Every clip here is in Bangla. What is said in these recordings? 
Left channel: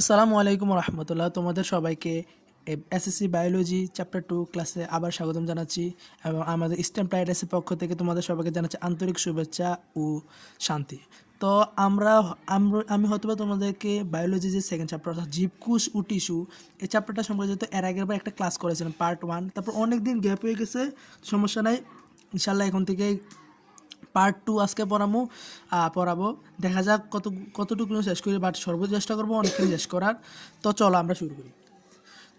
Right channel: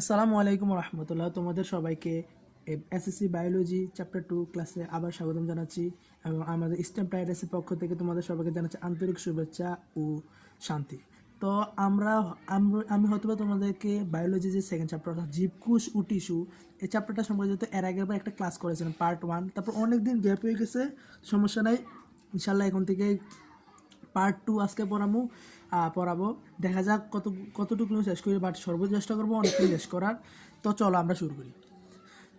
আসসালামু আলাইকুম রহমতুল্লাহ। তোমাদের সবাইকে এসএসসি বায়োলজি চ্যাপ্টার টু ক্লাসে আবার স্বাগতম জানাচ্ছি এবং আমাদের স্টেম প্রাইডাসের পক্ষ থেকে তোমাদের সবাইকে জানাচ্ছি আন্তরিক শুভেচ্ছা ও শান্তি। তো আমরা আমি হয়তো তোমাদেরকে বায়োলজি যে সেকেন্ড চ্যাপ্টার অর্থাৎ জীবকুশ ও টিস্যু এই চ্যাপ্টারটা সম্পর্কে যেহেতু এর আগের বার একটা ক্লাস করেছিলাম পার্ট ওয়ান তারপর অনেক দিন গ্যাপ হয়ে গেছে, সমস্যা নাই। ইনশাল্লাহ এখন থেকে পার্ট টু আজকে পড়াবো পড়াবো। দেখা যাক কত কতটুকু শেষ করি বাট সর্বোচ্চ চেষ্টা করব, অনেকক্ষণ শেষ করার। তো চলো আমরা শুরু করি।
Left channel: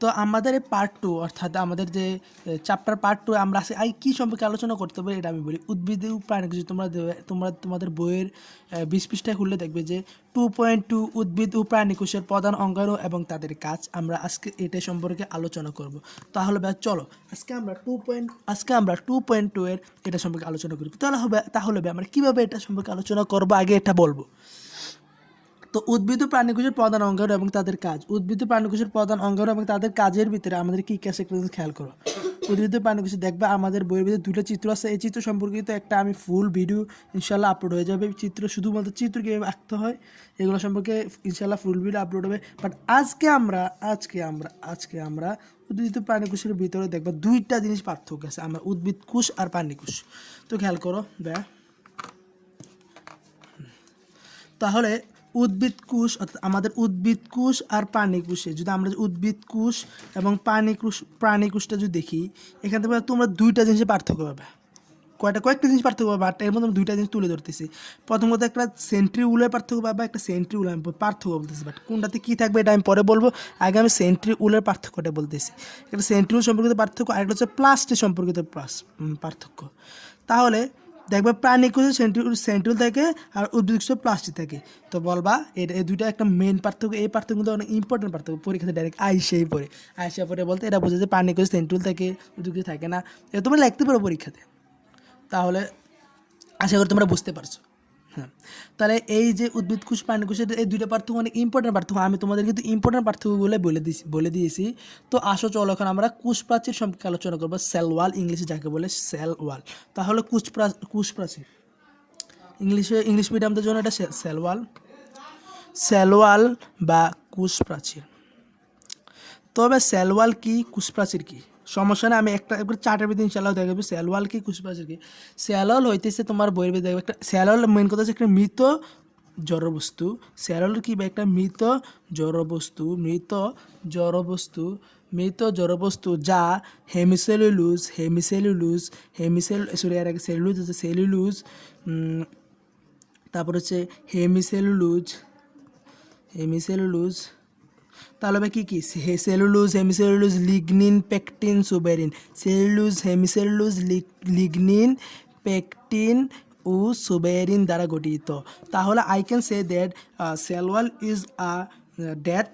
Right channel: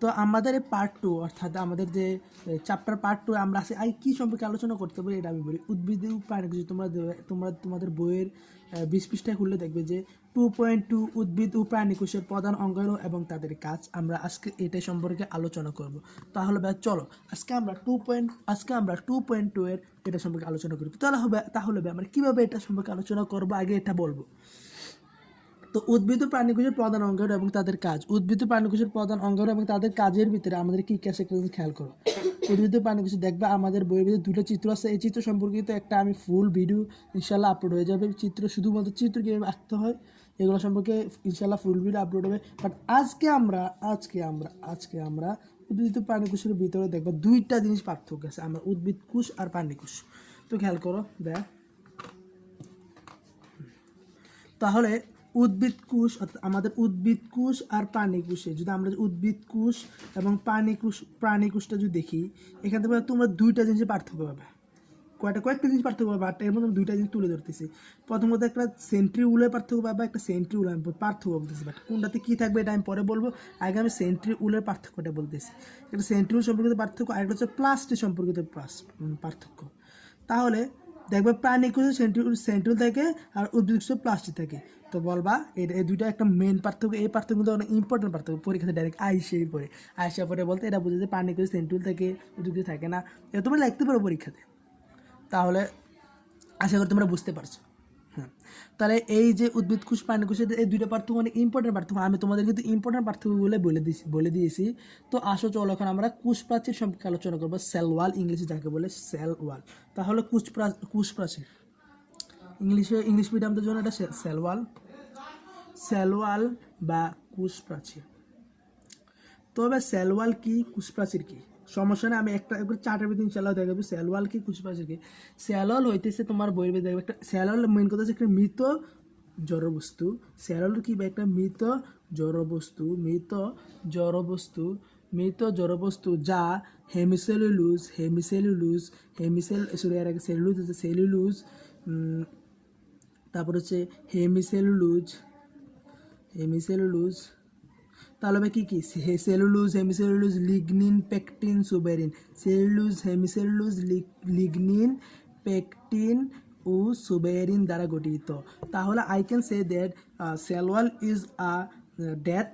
তো আমাদের এই পার্ট টু অর্থাৎ আমাদের যে চ্যাপ্টার পার্ট টু আমরা আই, কী সম্পর্কে আলোচনা করতে পারি এটা আমি বলি। উদ্ভিদ প্রাণী কিছু তোমরা তোমরা তোমাদের বইয়ের বিশ পৃষ্ঠায় খুললে দেখবে যে টু পয়েন্ট টু উদ্ভিদ ও প্রাণী কোষের প্রধান অঙ্গাণু এবং তাদের কাজ। আমরা আজকে এটা সম্পর্কে আলোচনা করব। তাহলে ভাই চলো, আজকে আমরা টু পয়েন্ট আজকে আমরা টু পয়েন্ট টু এর এটা সম্পর্কে আলোচনা করি। তাহলে হবে, তাহলে আমরা কীভাবে এটা সম্পর্কে আলোচনা করব? আগে এটা বলব। তো উদ্ভিদ ও প্রাণীকোষের প্রধান অঙ্গাণু এবং তাদের কাজ। উদ্ভিদ ও প্রাণীকোষের প্রধান অঙ্গাণু এবং তাদের কাজের ভিতরে আমাদের কি কি আছে একটা খেয়াল করো। উদ্ভিদ ও প্রাণীকোষ দেখবে আমাদের বইয়ের ভিতরে দুটো চিত্র আছে। এই চিত্র সম্পর্কিত একটা আমি ফুল ভিডিও ইনশাল্লাহ আপলোড হয়ে যাবে। চিত্র শুধুমাত্র চিত্র কীভাবে আঁকতে হয়, এগুলো সম্পর্কে ইনশাল্লাহ ফুল ভিডিও আপলোড হবে। বাট আজকে আমরা আজকে আমরা আজকে আমরা উদ্ভিদ প্রাণীকোষের ভিতরে দেখব দুইটা জিনিস পার্থক্য আছে। আমরা উদ্ভিদ কোষ আর প্রাণীকোষ। তো খেয়াল করো ব্যা তাহলে উদ্ভিদ কোষ অর্থাৎ আমাদের উদ্ভিদ কোষ আর প্রাণী কোষে। যদি আমরা উদ্ভিদ কোষ এবং প্রাণী কোষ প্রাণী কোষটা যদি দেখি, এখান থেকে তোমরা দুইটা জিনিসের পার্থক্য পাবে। কয়টা কয়েকটা জিনিস পার্থক্য পাবে বাট এর মধ্যে দুইটা জিনিস তুলে ধরতেছি। প্রথমত একটা সেন্ট্রি উলের পার্থক্য পাবে, একটা সেন্ট্রি উল আমি পার্থক্য বলতেছি বাট কোনটাতে কী থাকবে এটা আমি পরে বলব। আগে আমি সেন্ট্রি উলের পার্থক্যটা বলতেছি। একটা সেন্ট্রি উল সম্পর্কিত পার্থক্য, আরেকটা হচ্ছে প্লাস্টিক সম্পর্কিত প্লাস পার্থক্য। তাহলে দেখবে প্রাণী কোষে সেন্ট্রিউল সেন্ট্রিউল থাকে আর উদ্ভিদ কোষে প্লাস্টিক থাকে। তো বলবা, এটা এই দুইটা একটা মেন পার্থক্য, এই পার্থক্য কিন্তু অনেক ইম্পর্টেন্ট পার্থক্য। পরীক্ষাতে ডাইরেক্ট আইসেই পড়ে আইসে পড়ে বলতে এটা বোঝা যে প্রাণী কোষে সেন্ট্রিউল থাকে উদ্ভিদ থাকে না। এটা তোমরা লিখতে পারো পরীক্ষাতে। তাহলে আশা করি তোমরা বুঝতে পারছ। হ্যাঁ। তাহলে এই যে উদ্ভিদ কোষ, প্রাণী কোষের এই দুইটা পার্থক্য অনেক ইম্পর্টেন্ট পার্থক্য। আমি তোমাদের কিন্তু ইম্পর্টেন্ট পার্থক্যগুলো বলে দিয়েছি বলে দিয়েছি। তো আসো চলো এখন আমরা কোষ প্রাচীর সম্পর্কে আলোচনা করব সেল ওয়াল ইংলিশে যাকে বলে সেল ওয়াল তাহলে কোষ কোষ প্রাচীর। ইংলিশে, ইংলিশ মিডিয়ামদের জন্য এটা সেল ওয়াল সেল ওয়াল বা কোষ প্রাচীর। তবে সেলওয়াল কি কুশপ্রাচীর কি? সমস্যা না আমি একটা একবার চার্টের ভিতরে ইনশাল্লাহ দেখাবো সেলওয়াল কি কুশপ্রাচীর কি? সেলওয়াল হইতেছে তোমার বইয়ের ভিতরে দেখবে একটা সেলওয়াল মেন কথা হচ্ছে একটা মৃত জড়বস্তু। সেলওয়াল কি বা একটা মৃত জড়বস্তু মৃত জড়বস্তু মৃত জড়বস্তু যা হেমিসেলুলুজ হেমিসেলুলুজ হেমিসেল সরি আর আগে সেলুলুজ হচ্ছে সেলুলুজ তারপর হচ্ছে হেমিসেলুলুজ হেমিসেলুলুজ তাহলে হবে কী কী? Cellulose, hemicellulose, lignin, pectin, suberin. Cellulose, hemicellulose league- lignin, pectin ও সুবেরিন দ্বারা গঠিত। তাহলে I can say that cell wall is a death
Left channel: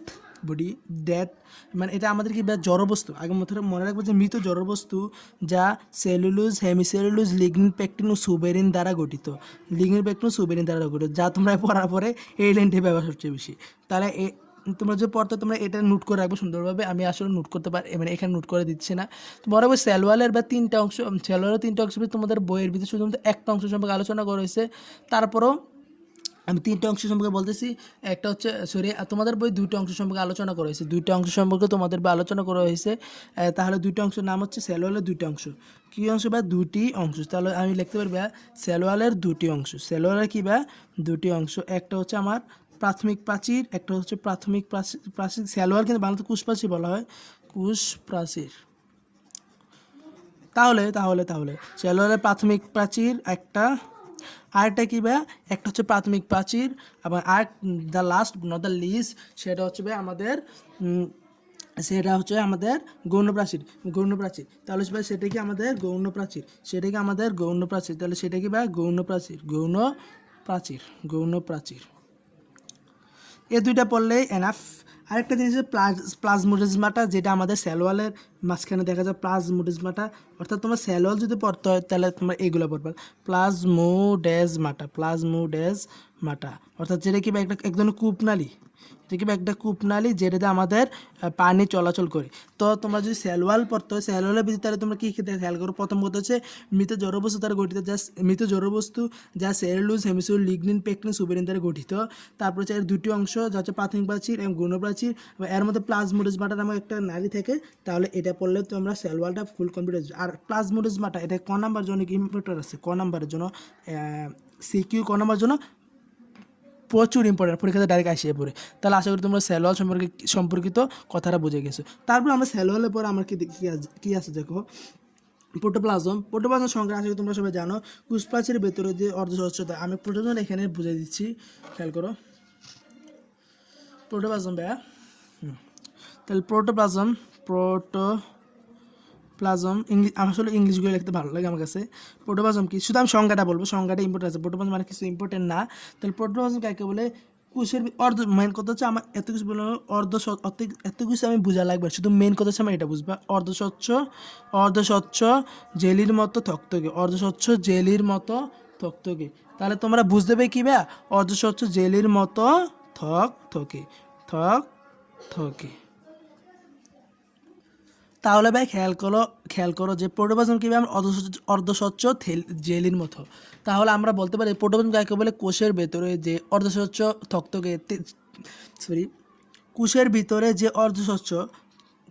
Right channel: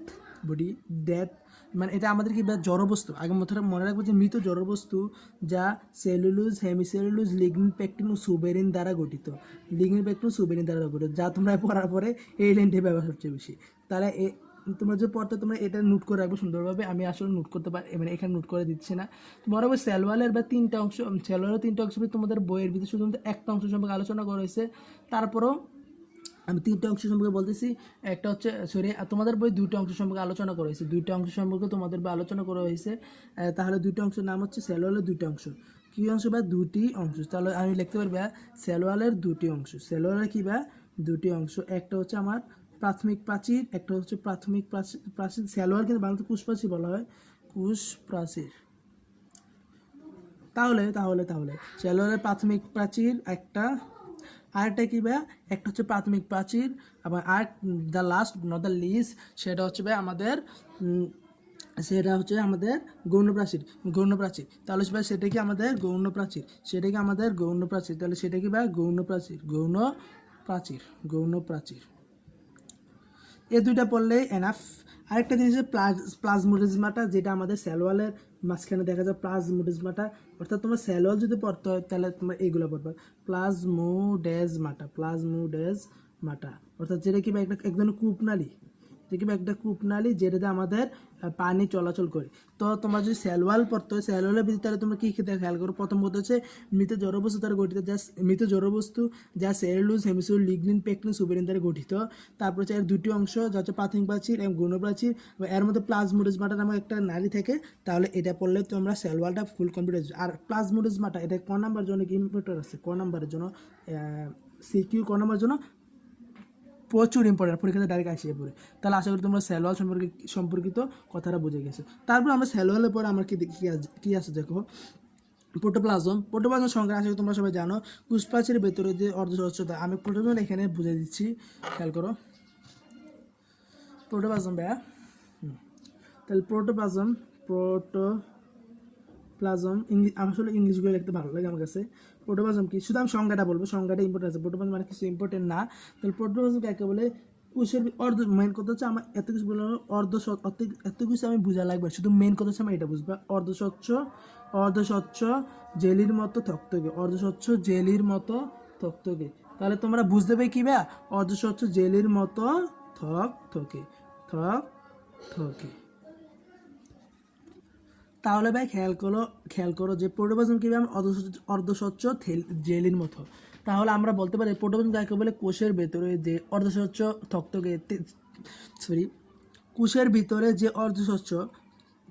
body death মানে এটা আমাদের কি জড়বস্তু আগে মনে মনে রাখব যে মৃত জড়বস্তু যা সেলুলোজ, হেমিসেলুলোজ, লিগনিন, পেকটিন ও সুবেরিন দ্বারা গঠিত। লিগনিন, পেকটিন ও সুবেরিন দ্বারা গঠিত, যা তোমরা পড়ার পরে এই লাইনটি ব্যবহার সবচেয়ে বেশি। তাহলে তোমরা যে পড়তে, তোমরা এটা নোট করে রাখবে সুন্দরভাবে। আমি আসলে নোট করতে পারি মানে এখানে নোট করে দিচ্ছি না। তোমার বরাবর স্যালওয়ালের বা তিনটা অংশ স্যালওয়ালের তিনটা অংশ তোমাদের বইয়ের ভিতরে শুধুমাত্র একটা অংশ সম্পর্কে আলোচনা করা হয়েছে। তারপরও আমি তিনটা অংশ সম্পর্কে বলতেছি। একটা হচ্ছে সরি তোমাদের বই দুইটা অংশ সম্পর্কে আলোচনা করা হয়েছে। দুইটা অংশ সম্পর্কে তোমাদের বই আলোচনা করা হয়েছে। তাহলে দুইটা অংশের নাম হচ্ছে সেলোয়ালের দুইটা অংশ। কী অংশ বা দুটি অংশ? তাহলে আমি লিখতে পারব সেলোয়ালের দুটি অংশ। সেলোয়ালের কী বা দুটি অংশ? একটা হচ্ছে আমার প্রাথমিক প্রাচীর, একটা হচ্ছে প্রাথমিক প্রাচীর প্রাচীর সেলোয়ার কিন্তু বাংলাতে কুশ প্রাচীর বলা হয়, কুশ প্রাচীর। তাহলে তাহলে তাহলে সেলোয়ারের প্রাথমিক প্রাচীর একটা, আরেকটা কী ভাই একটা হচ্ছে প্রাথমিক প্রাচীর এবং আর the last not the least সেটা হচ্ছে ভাই আমাদের সেটা হচ্ছে আমাদের গৌণ প্রাচীর গৌণ প্রাচীর। তাহলে ভাই সেটা কি আমাদের গৌণ প্রাচীর? সেটা কি আমাদের গৌণ প্রাচীর? তাহলে সেটা কি ভাই গৌণ প্রাচীর গৌণ প্রাচীর গৌণ প্রাচীর। এই দুইটা পড়লেই এনাফ আরেকটা জিনিস প্লাজ প্লাজমোডিজমাটা যেটা আমাদের স্যালোয়ালের মাঝখানে দেখা যায় প্লাজমোডিজমাটা অর্থাৎ তোমার স্যালোয়াল যদি পড়তে হয়, তাহলে তোমরা এগুলো পড়বে। প্লাজমোডেজমাটা প্লাজমোডেজমাটা অর্থাৎ যেটা কি একটা, এক ধরনের কূপনালী কি একটা কূপনালী যেটাতে আমাদের পানি চলাচল করে। তো তোমরা যদি সেলওয়াল পড়তে হয় ভিতরে তাহলে তোমরা কী কী খেয়াল করো। প্রথম কথা হচ্ছে, মৃত জড়বস্তু দ্বারা গঠিত যা মৃত জড়বস্তু যা cellulose, hemicellulose, lignin pectin suberin দ্বারা গঠিত। তারপর হচ্ছে এর দুটি অংশ, যা হচ্ছে প্রাথমিক প্রাচীর এবং গৌণ প্রাচীর এর মধ্যে প্লাজমোডিজমাটা নামক একটা নালী থাকে, তাহলে এটা পড়লে তোমরা সেলওয়ালটা ফুল কমপ্লিট। আর প্লাজমোডিজমাটা এটা ক নাম্বার জন্য ইম্পর্টেন্ট আছে? ক নাম্বারের জন্য সিকিউ ক নাম্বার জন্য প্রচুর ইম্পর্টেন্ট পরীক্ষাতে ডাইরেক্ট আসিয়ে পড়ে তাহলে আশা করি তোমরা সেলোয়াল সম্পর্কে সম্পর্কিত কথাটা বুঝে গেছো। তারপর আমরা সেলোয়ালের পর আমার কি কি আছে- দেখো? প্রোটোপ্লাজম প্রোটোপ্লাজম সংখ্যা করি তোমরা সবাই জানো কুশপ্রাচীর ভেতরে যে অর্ধস্বচ্ছতা আমি প্রোটোজন এখানে বুঝে দিচ্ছি, খেয়াল করো। প্রোটোপ্লাজম ভাইয়া তাহলে প্রোটোপ্লাজম প্রোটো প্লাজম ইংলিশ আসলে ইংলিশগুলো লিখতে ভালো লাগে আমার কাছে। প্রোটোপ্লাজম কি? শুধু আমি সংজ্ঞাটা বলব, সংজ্ঞাটা ইম্পর্টেন্ট আছে। প্রোটোপ্লাজম মানে কিছু ইম্পর্টেন্ট না। তাহলে প্রোটোপ্লাজম কাকে বলে? কোষের ভি- অর্ধ মেন কথা হচ্ছে আমার এত কিছু বলে অর্ধ এত কিছু আমি বোঝা লাগবে শুধু মেন কথা হচ্ছে আমার এটা বুঝবা। অর্ধস্বচ্ছ অর্ধস্বচ্ছ জেলির মতো থকথকে অর্ধস্বচ্ছ জেলির মতো থকথকে তাহলে তোমরা বুঝতে পারবে কি ব্যা অর্ধস্বচ্ছ জেলির মতো থক থকে থক থকে তাহলে ভাই খেয়াল করো খেয়াল করো যে প্রোটোপ্লাজম কীভাবে আমরা অর্ধস্বচ্ছ জেলির মতো। তাহলে আমরা বলতে পারি প্রোটোপ্লাজম কাকে বলে? কোষের ভেতরে যে অর্ধস্বচ্ছ থকথকে সরি কোষের ভিতরে যে অর্ধস্বচ্ছ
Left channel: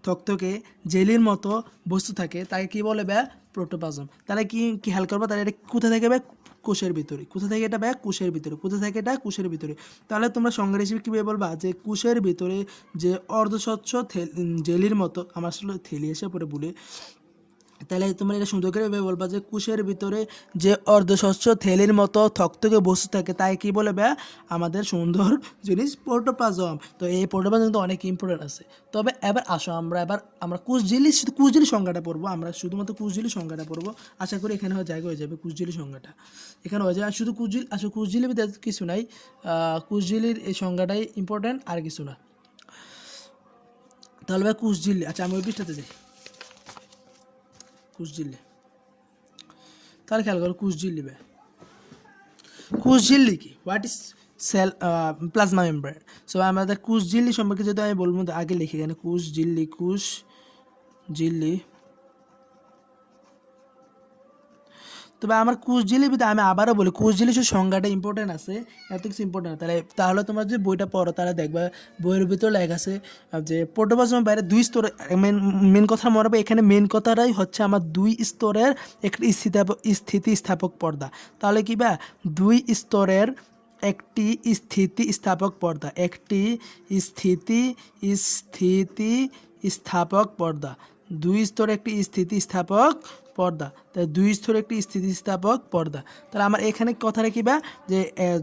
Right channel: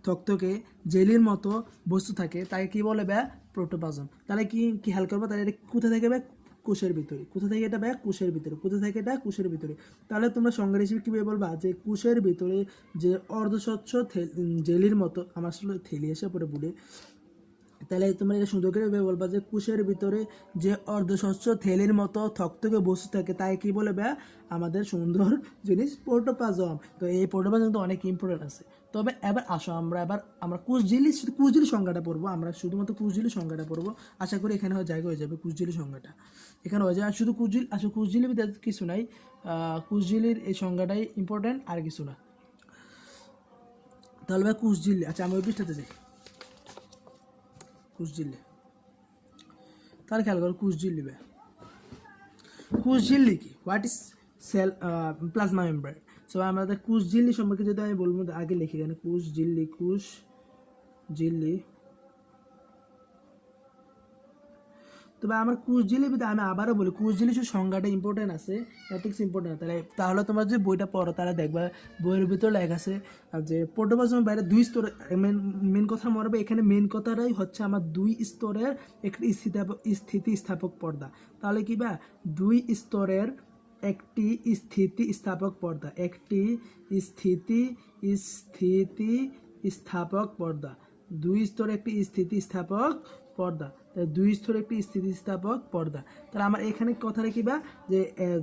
থকথকে জেলির মতো বস্তু থাকে, তাকে কি বলে ব্যা প্রোটোপ্লাজম তাহলে কি কি খেয়াল করব? তাহলে এটা কোথা থেকে ব্যা কোষের ভিতরে। কোথা থেকে এটা ব্যা কোষের ভিতরে। কোথা থেকে এটা কোষের ভিতরে। তাহলে তোমরা সংজ্ঞা হিসেবে কীভাবে বলবা যে কোষের ভিতরে যে অর্ধস্বচ্ছ জেলির মতো, আমার আসলে থেলি এসে পরে বলে। তাহলে তোমরা এটা সুন্দর করে ভেবে বলবা যে কুশের ভিতরে যে অর্ধস্বচ্ছ থেলির মতো থকথকে বস্তু থাকে, তাই কি বলে ব্যা? আমাদের সুন্দর জিনিস প্রোটোপ্লাজম। তো এই প্রোটোপ্লাজম কিন্তু অনেক ইম্পর্টেন্ট আছে। তবে এবার আসো, আমরা এবার, আমরা কুশঝিলি শুধু কুশঝিলি সংখ্যাটা পড়ব। আমরা শুধুমাত্র কুশঝিলি সংখ্যাটা পড়ব। আশা করি এখানে জায়গা হয়ে যাবে কুশঝিলি সংখ্যাটা। এখানে হয়ে যাবে শুধু কুশঝিল আসলে কুশঝিলির ভিতরে কিছু নাই। কুশঝিলির এই সংখ্যাটাই ইম্পর্টেন্ট আর কিছু না। তাহলে ভাই কুশঝিলি আচ্ছা আমি ওই পৃষ্ঠাতে যাই। কুশঝিল্লি তাহলে খেয়াল করো কুশঝিল্লি বে। কুশঝিল্লি কি? What is cell plasma membrane so আমাদের কুশঝিল্লি সম্পর্কে যদি আমি বলব আগে লিখে এখানে কুশঝিল্লি কুশ ঝিল্লি তবে আমার কুশঝিলি ভিতরে আমি আবারও বলি কুশঝিলি শুধু সংজ্ঞাটা ইম্পর্টেন্ট আছে এত কিছু ইম্পর্টেন্ট তাহলে তাহলে তোমরা যদি বইটা পড়ো, তাহলে দেখবা বইয়ের ভিতরে লেখা আছে যে প্রোটোপ্লাজমের বাইরে দুই স্তরে মেন মেন কথা মনে হবে এখানে মেন কথাটাই হচ্ছে আমার দুই স্তরের একটি স্থিতিস্থাপক পর্দা। তাহলে কি বা? দুই স্তরের একটি স্থিতি স্থাপক পর্দা, একটি স্থিতি স্থিতি স্থাপক পর্দা। দুই স্তরে একটি স্থিতি স্থাপক পর্দা। তাই দুই স্তরে একটি স্থিতিস্থাপক পর্দা। তাহলে আমার এখানে কথাটা কি বা যে আহ,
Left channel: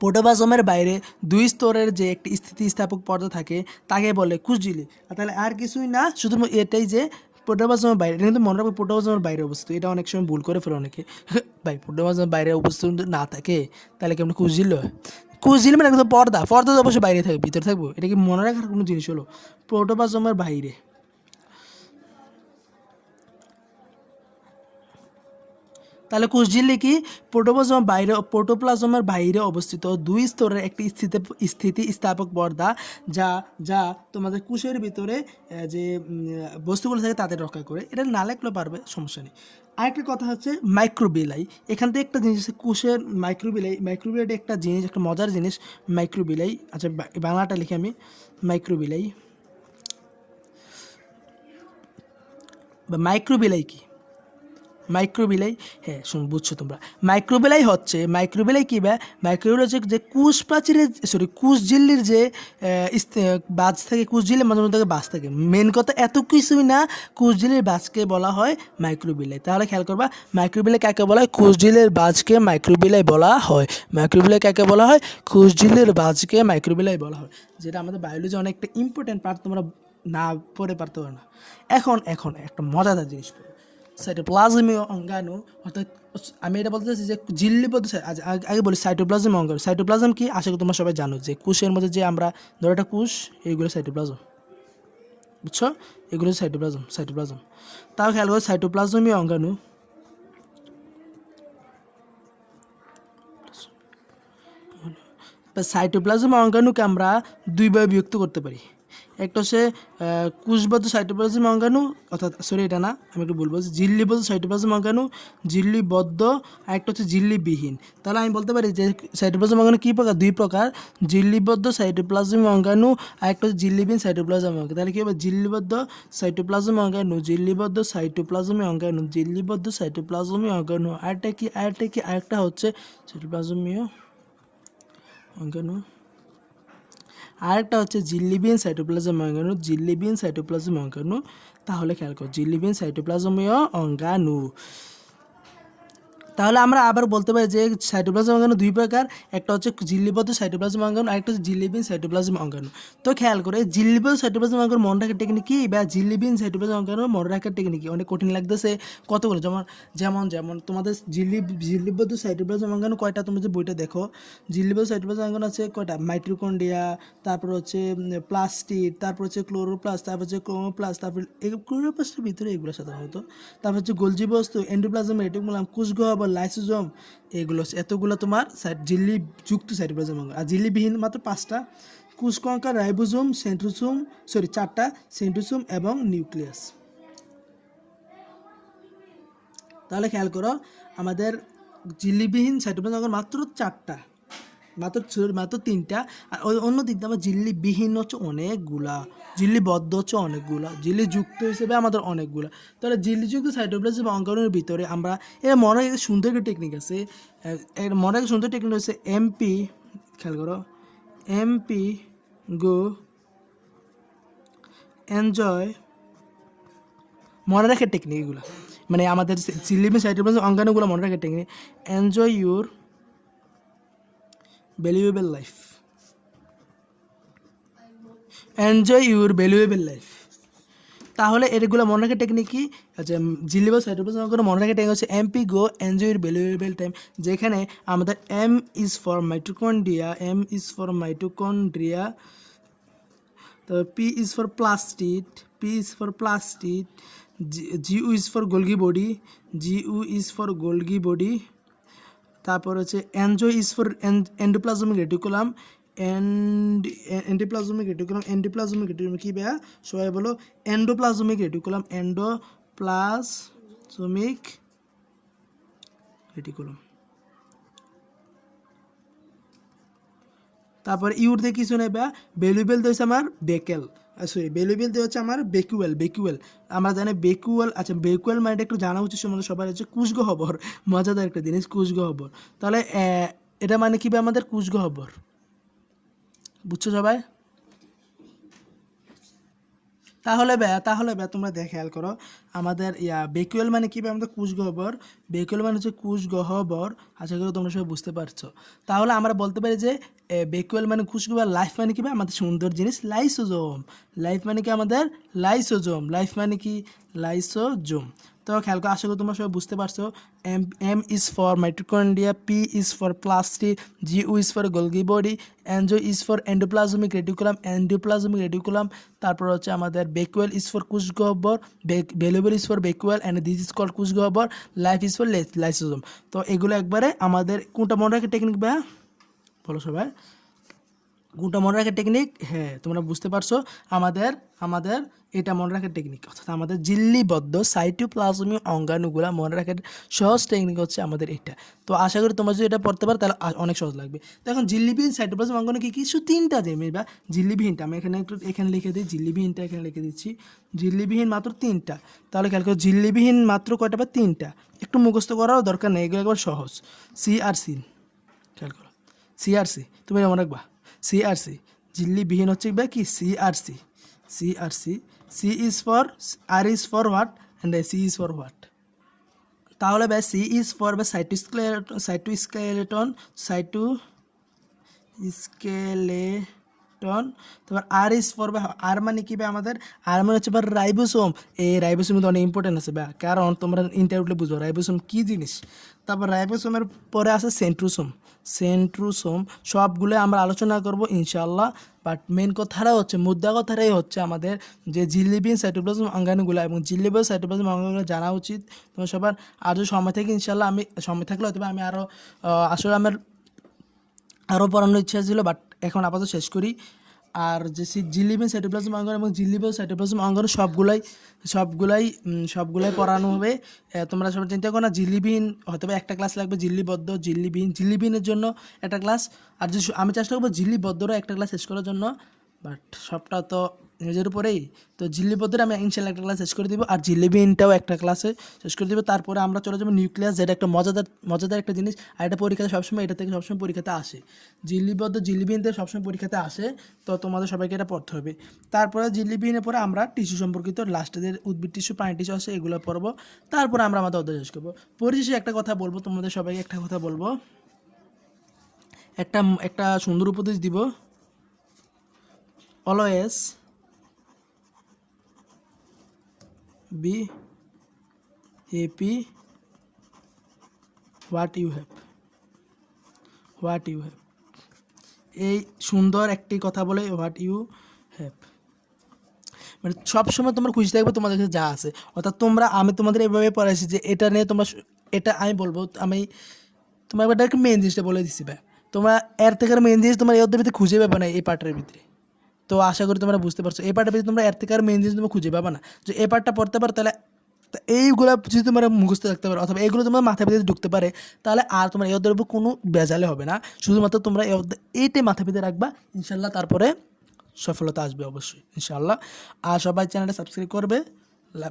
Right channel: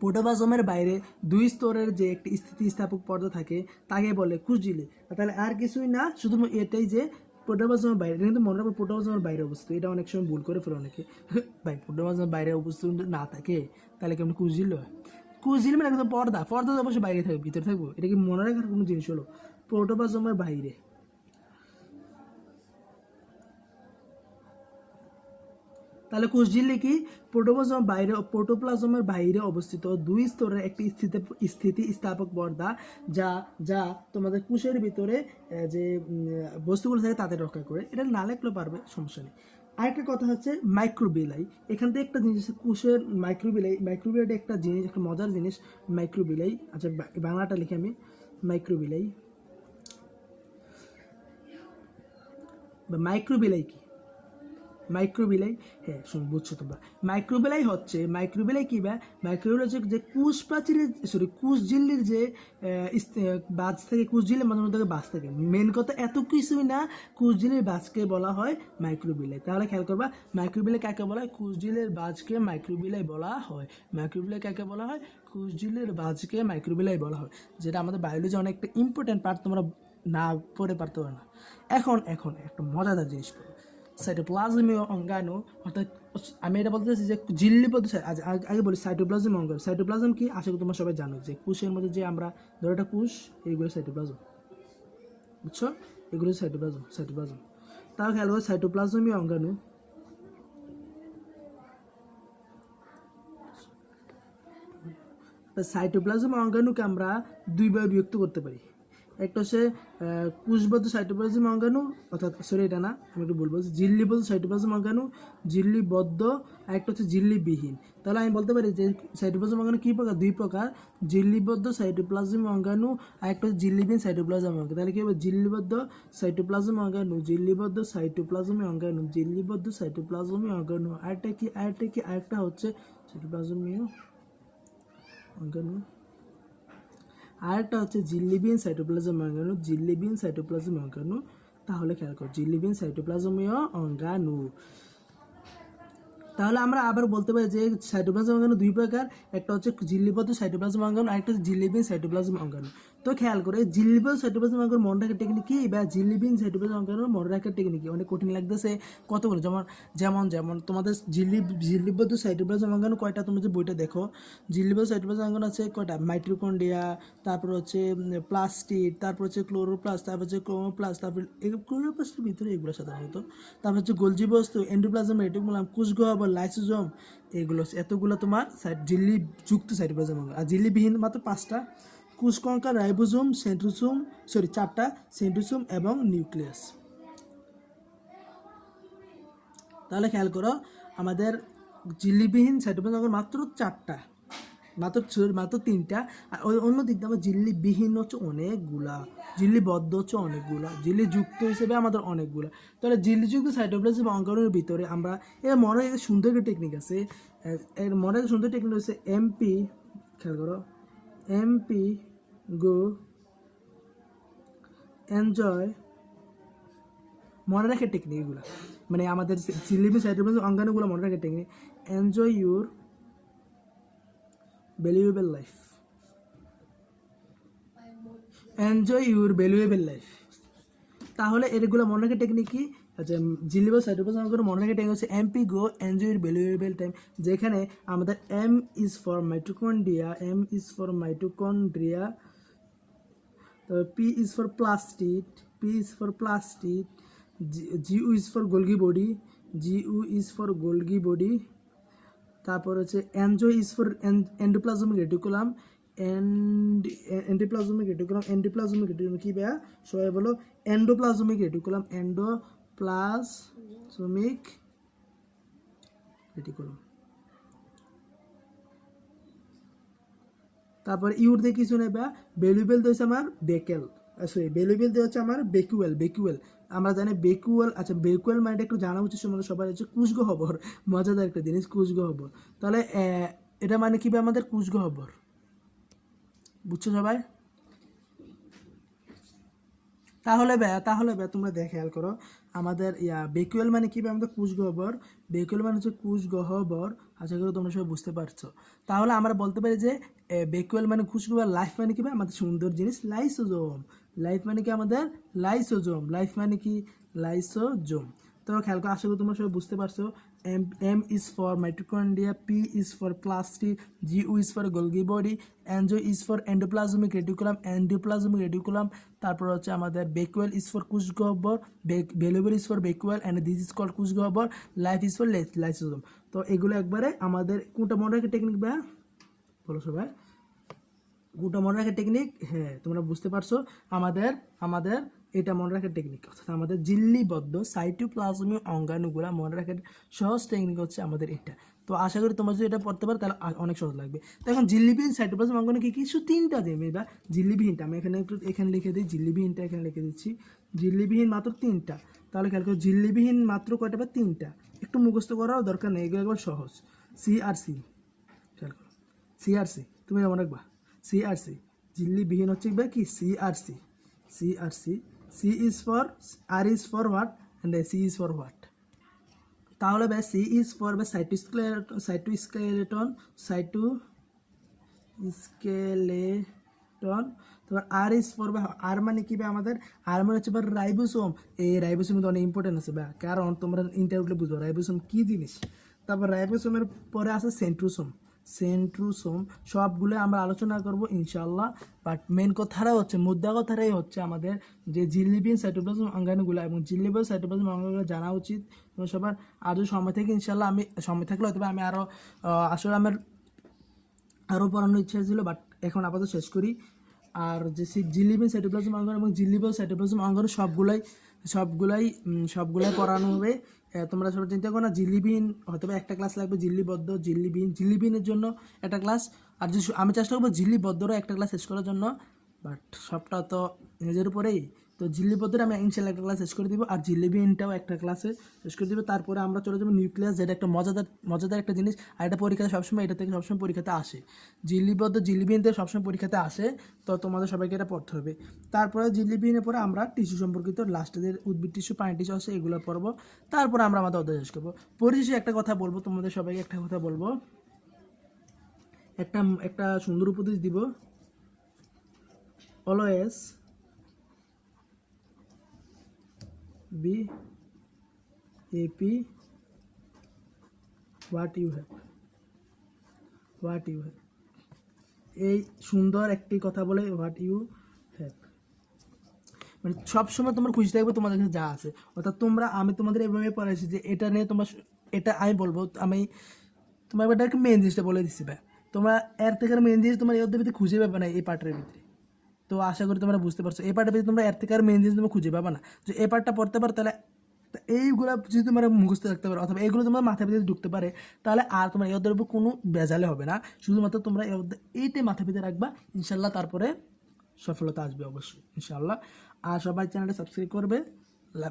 প্রোটোপ্লাজমের বাইরে দুই স্তরের যে একটি স্থিতিস্থাপক পর্দা থাকে তাকে বলে কুচজিলি তাহলে আর কিছুই না শুধু এটাই যে প্রোটোপ্লাজমের বাইরে এটা কিন্তু মনে রাখবে প্রোটোপ্লাজমের বাইরে অবস্থিত। এটা অনেক সময় ভুল করে ফেলে অনেকে। ভাই প্রোটোপ্লাজমের বাইরে অবস্থিত না থাকে তাহলে কেমন কুচজিল হয় কুচজিল মানে পর্দা। পর্দা তো অবশ্যই বাইরে থাকবে ভিতরে থাকব। এটা কি মনে রাখার কোনো জিনিস হলো? প্রোটোপ্লাজমের বাইরে। তাহলে কোষঝিল্লি কি? প্রোটোপ্লাজমের বাইরে প্রোটোপ্লাজমের বাইরে অবস্থিত। দুই স্তরের একটি স্থিতি স্থিতি স্থাপক পর্দা, যা যা তোমাদের কোষের ভিতরে যে বস্তুগুলো থাকে তাদের রক্ষা করে। এটা না লেখলেও পারবে, সমস্যা নেই। আরেকটা কথা হচ্ছে মাইক্রোবিলাই এখান থেকে একটা জিনিস কোষের মাইক্রোবিলাই মাইক্রোবিলাই একটা জিনিস, একটা মজার জিনিস মাইক্রোবিলাই আচ্ছা বাংলাটা লিখি আমি। মাইক্রোবিলাই বা মাইক্রোবিলাই কি? মাইক্রোবিলাই হ্যাঁ শুন, বুঝছ তোমরা। মাইক্রোবিলাই হচ্ছে মাইক্রোবিলাই কী বা মাইক্রোবিলাই হচ্ছে যে কুশ প্রাচীরের সরি কুশ ঝিল্লির যে বাজ থাকে, কুশ ঝিল্লির মাঝে মধ্যে বাজ থাকে। মেন কথা এত কিছুই না, কুশ ঝিল্লির বাজকে বলা হয় মাইক্রোবিলাই তাহলে খেয়াল করবা মাইক্রোবিলাই কাকে বলা হয়? কুশ ঝিল্লির বাজকে মাইক্রোবিলাই বলা হয়। মাইক্রোবিলাই কাকে বলা হয়? কুশ ঝিল্লির বাজকে মাইক্রোবিলাই বলা হয়। যেটা আমাদের বায়োলজি অনেকটা ইম্পর্টেন্ট পার্ট তোমরা না পড়ে পারতে পারো না। এখন এখন, একটা মজাদার জিনিস সাইটোপ্লাজমীয় অঙ্গাণু, অর্থাৎ আমি এটা বলতে চাচ্ছি যে ঝিল্লি পদ্ধতি আগে বলি সাইটোপ্লাজম অঙ্গাণু। সাইটোপ্লাজম কি? আশা করি তোমরা সবাই জানো যে কোষের মধ্যে যে আমরা, ধরো একটা কোষ এইগুলো সাইটোপ্লাজম বুঝছ? এগুলো সাইটোপ্লাজম সাইটোপ্লাজম তাও খেয়াল করো সাইটোপ্লাজমীয় অঙ্গাণু। সাইটোপ্লাজম অঙ্গাণুকে আমরা দুইভাবে বিভক্ত করতে পারি। একটা হচ্ছে কুশবদ্ধ সাইটোপ্লাজম অঙ্গাণু, অর্থাৎ সরি এটা না, আমি একটু বলব জিল্লিবদ্ধ সাইটোপ্লাজম অঙ্গাণু, জিল্লিবদ্ধ, আর একটা হচ্ছে জিল্লিবিহীন। তাহলে আমি বলতে পারি যে, সাইটোপ্লাজম অঙ্গাণু কী প্রকার? দুই প্রকার, জিল্লিবদ্ধ সাইটোপ্লাজম অঙ্গাণু, আর একটা হচ্ছে জিল্লিবিহীন সাইটোপ্লাজম অঙ্গাণু। তাহলে কী হবে? জিল্লিবদ্ধ সাইটোপ্লাজম অঙ্গাণু, জিল্লিবদ্ধ সাইটোপ্লাজমী অঙ্গাণু, জিল্লিবদ্ধ সাইটোপ্লাজমী অঙ্গাণু আরেকটা কি আরেকটা কি আরেকটা হচ্ছে সাইটোপ্লাজমীয় অঙ্গাণু। আরেকটা হচ্ছে জিল্লিবিন সাইটোপ্লাজম অঙ্গাণু জিল্লিবিন সাইটোপ্লাজম অঙ্গাণু। তাহলে খেয়াল করো জিল্লিবিন সাইটোপ্লাজমীয় অঙ্গাণু। তাহলে আমরা আবার বলতে পারি যে সাইটোপ্লাজম অঙ্গাণু দুই প্রকার। একটা হচ্ছে জিল্লিবদ্ধ সাইটোপ্লাজম অঙ্গাণু আরেকটা হচ্ছে জিল্লিবিন সাইটোপ্লাজম অঙ্গাণু। তো খেয়াল করে জিল্লিবদ্ধ সাইটোপ্লাজম অঙ্গাণু মনে রাখার টেকনিক কি বা জিল্লিবিন সাইটোপ্লাজম অঙ্গাণু মনে রাখার টেকনিক অনেক কঠিন লাগতেছে। কতগুলো যেমন যেমন যেমন, তোমাদের জিল্লি জিল্লিবদ্ধ সাইটোপ্লাজম অঙ্গাণু কয়টা? তোমরা যে বইটা দেখো জিল্লিবদ্ধ সাইটোপ্লাজম অঙ্গাণু আছে কয়টা? মাইট্রোকন্ডিয়া তারপর হচ্ছে প্লাস্টিড তারপর হচ্ছে ক্লোরোপ্লাস্ট তারপর হচ্ছে ক্রোমোপ্লাস্ট তারপর ক্লোরোপ্লাস্টের ভিতরে এগুলো সাধারণত। তারপর হচ্ছে গোলজি বস্তু এন্ডোপ্লাজম রেটিকুলাম কুশগ্রহ বা লাইসোজোম এগুলো এতগুলো তোমার জিল্লি যুক্ত সাইটোপ্লাজম অঙ্গ আর জিল্লিবিহীন মাত্র পাঁচটা। কুশকঙ্কা রাইবোজোম, সেন্ট্রোসোম, সরি, চারটা, সেন্ট্রোসোম এবং নিউক্লিয়াস। তাহলে খেয়াল করো, আমাদের জিল্লিবিহীন সাইটোপ্লাজম অঙ্গ মাত্র চারটা। মাত্র মাত্র তিনটা। আর অন্য দিক দিয়ে আমার জিল্লিবিহীন হচ্ছে অনেকগুলা। জিল্লিবদ্ধ হচ্ছে অনেকগুলা, জিল্লি যুক্ত হিসেবে আমাদের অনেকগুলা। তাহলে জিল্লিযুক্ত সাইটোপ্লাজম অঙ্গাণুর ভিতরে আমরা, এর মনে একটা সুন্দর একটা টেকনিক আছে এর মনে একটা সুন্দর টেকনিক হচ্ছে এমপি খেয়াল করো এমপি গো এনজয় মনে রাখার টেকনিক এগুলো। মানে আমাদের সিলিমে সাইটোপ্লাজম অঙ্গাণুগুলো মনে রাখার technique enjoy your valuable life enjoy your valuable life তাহলে এগুলো মনে রাখার টেকনিক কি? আচ্ছা জিলিবাস সাইটোপ্লাজম মনে রাখার টেকনিক হচ্ছে MP go enjoy your valuable time যেখানে আমাদের M is for mitochondria M is for mitochondria তো P is for plastid P is for plastid G is for Golgi body G is for Golgi body তারপর হচ্ছে enjoy is for endoplasmic reticulum and endoplasmic reticulum endoplasmic reticulum কি বেয়া? সবাই বলো এন্ডোপ্লাজমিক রেটিকুলাম এন্ডোপ্লাজমিক রেটিকুলাম তারপর ইউর দিয়ে কিছু নেই বা ভ্যালুয়েবল দিয়ে হচ্ছে আমার বেকেল। সরি ভ্যালুয়েবল দিয়ে হচ্ছে আমার বেকুয়েল বেকুয়েল। আমরা জানি বেকুয়েল আচ্ছা বেকুয়েল মানে একটু জানা উচিত সম্বন্ধে সবার হচ্ছে কুশগ হবর মজাদার একটা জিনিস কুশগ হবর তাহলে এটা মানে কি আমাদের? কুশগ হবর বুঝছ সবাই? তাহলে ব্যা তাহলে তোমরা দেখে খেয়াল করো, আমাদের ইয়া, বেকুয়েল মানে কি আমাদের কুশ গহ্বর বেকুয়েল মানে হচ্ছে কুশ গহ্বর আশা করি তোমরা সবাই বুঝতে পারছ। তাহলে আমরা বলতে পারি যে বেকুয়েল মানে কুশ গহ্বর লাইফ মানে কি আমাদের সুন্দর জিনিস, লাইসোজোম। লাইফ মানে কি আমাদের? লাইসোজোম। লাইফ মানে কি? লাইসোজোম। তো খেয়াল করো, আশা করি তোমরা সবাই বুঝতে পারছ। M M is for mitochondria P is for plastic G is for Golgi body enjoy is for endoplasmic reticulum endoplasmic reticulum তারপর হচ্ছে আমাদের বেকুয়েল ইজ ফর কুশ গহ্বর valuable is for vacuole and this is called কুশ গহ্বর লাইফ ইজ ফর লাইসোজোম তো এগুলো একবারে আমাদের, কোনটা মনে রাখার টেকনিক বা বলো সবাই। কোনটা মনে রাখার টেকনিক হ্যাঁ তোমরা বুঝতে পারছ। আমাদের আমাদের এটা মনে রাখার টেকনিক অর্থাৎ আমাদের জিল্লিবদ্ধ সাইটোপ্লাজমি অঙ্গাণুগুলা মনে রাখার সহজ টেকনিক হচ্ছে আমাদের এটা। তো আশা করি তোমরা যদি এটা পড়তে পারো, তাহলে অনেক সহজ লাগবে। এখন জিল্লিবিহীন সাইটোপ্লাজম অঙ্গাণু কি কিছু তিনটা জিনিস বা জিল্লিবিহীনটা। আমি এখানে একটু এখানে লিখে দিই, জিল্লিবিহীনটা এখানে লিখে দিচ্ছি। জিল্লিবিহীন মাত্র তিনটা। তাহলে খেয়াল করো, জিল্লিবিহীন মাত্র কয়টা বা তিনটা? একটু মুখস্থ করারও দরকার নেই, এগুলো একবার সহজ। সি আর সি খেয়াল করো। সিআরসি তুমি মনে রাখবা? সিআরসি জিল্লিবিহীন হচ্ছে বা কি CRC CRC C is for R is for what and C is for what তাহলে ভাই সি ইজ ফর বা সাইটোস্কেলেটন সাইটোস্কেলেটন সাইটো স্কেলেটন তারপর আর ইজ ফর বা আর মানে কি ভাই আমাদের? আর মানে হচ্ছে বা রাইবোসোম। এই রাইবোসোম কিন্তু অনেক ইম্পর্টেন্ট আছে বা। কারণ তোমরা ইন্টারভিউতে বুঝব, রাইবোসোম কি জিনিস? তারপর রাইবোসোমের পরে আছে সেন্ট্রোসোম সেন্ট্রোসোম সবগুলো আমরা আলোচনা করব ইনশাল্লাহ বাট মেন কথাটা হচ্ছে, মুদ্রা কথাটাই হচ্ছে আমাদের যে জিলিবিন সাইটোপ্লাজম অঙ্গাণুগুলো এবং জিলিবাস সাইটোপ্লাজম অঙ্গাণুগুলো জানা উচিত। তোমার সবার আজও সময় থেকে ইনশাল্লাহ আমি, সময় থাকলে হয়তো আমি আরও আসলে আমার আরও পড়ানোর ইচ্ছা ছিল বাট এখন আপাতত শেষ করি। আর যে জিলিবিন সাইটোপ্লাজম অঙ্গন এবং জিলিবেন সাইটোপ্লাজম অঙ্গন সবগুলাই সবগুলাই সবগুলাই পড়ানো হবে। তোমরা সবাই চিন্তা করো না জিলিবিন হয়তো একটা ক্লাস লাগবে জিল্লিবদ্ধ জিল্লিবিন জিলিবিনের জন্য একটা ক্লাস। আর যে আমি চেষ্টা করব জিল্লিবদ্ধরও একটা ক্লাস শেষ করার জন্য, বাট সবটা তো নিজের উপরেই। তো জিল্লিবদ্ধের আমি ইনশাল্লাহ একটা ক্লাস শেষ করে দিব। আর জিল্লিবিনটাও একটা ক্লাসে শেষ করে দিব। তারপরে আমরা চলে যাব নিউক্লিয়াস যেটা একটা মজাদার মজাদার একটা জিনিস। আর এটা পরীক্ষাতে সবসময়, এটা থেকে সবসময় পরীক্ষাতে আসে। জিল্লিবদ্ধ জিল্লিবিনতে সবসময় পরীক্ষাতে আসে। তো তোমাদের সবাইকে এটা পড়তে হবে। তারপরে জিল্লিবিনের পরে আমরা টিস্যু সম্পর্কিত লাস্টের উদ্ভিদ টিস্যু পানি টিস্যু আসে এগুলো পড়ব। তারপরে আমরা আমাদের অধ্যায় শেষ করব। পরিশেষে একটা কথা বলব, তোমাদের সবাইকে একটা কথা বলব। একটা একটা সুন্দর উপদেশ দিব। Always be happy what you have what you have এই সুন্দর একটি কথা বলে হোয়াট ইউ হ্যাভ মানে সবসময় তোমার খুশি থাকবে তোমাদের কাছে যা আছে। অর্থাৎ তোমরা, আমি তোমাদের এভাবে পড়াইছি যে এটা নিয়ে তোমরা এটা আমি বলব, আমি তোমার একবার মেন জিনিসটা বলে দিচ্ছি ভাই। তোমরা এর থেকে মেন জিনিস তোমার অধ্যায় ভিতরে খুঁজে পাবে না এই পার্টের ভিতরে। তো আশা করি তোমরা বুঝতে পারছ। এই ভিতরে তোমরা এর থেকে আর মেন জিনিস তোমরা খুঁজে পাবা না। যে এই পার্টটা পড়তে পারো, তাহলে এইগুলো যদি তোমরা মুখস্থ রাখতে পারো, অথবা এইগুলো তোমার মাথার ভিতরে ঢুকতে পারে, তাহলে আর তোমার এই অধ্যায়ের উপর কোনো বেজালে হবে না। শুধুমাত্র তোমরা এই এইটাই মাথার ভিতরে রাখবা ইনশাল্লাহ তারপরে সফলতা আসবে অবশ্যই ইনশাল্লাহ আর সবাই চ্যানেলটা সাবস্ক্রাইব করবে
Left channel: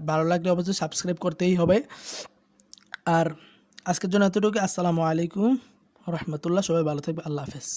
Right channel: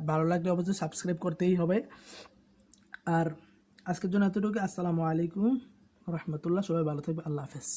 ভালো লাগলে অবশ্যই সাবস্ক্রাইব করতেই হবে। আর আজকের জন্য এতটুকু আসসালামু আলাইকুম, রহমতুল্লাহ, সবাই ভালো থাকবে, আল্লাহ হাফেজ।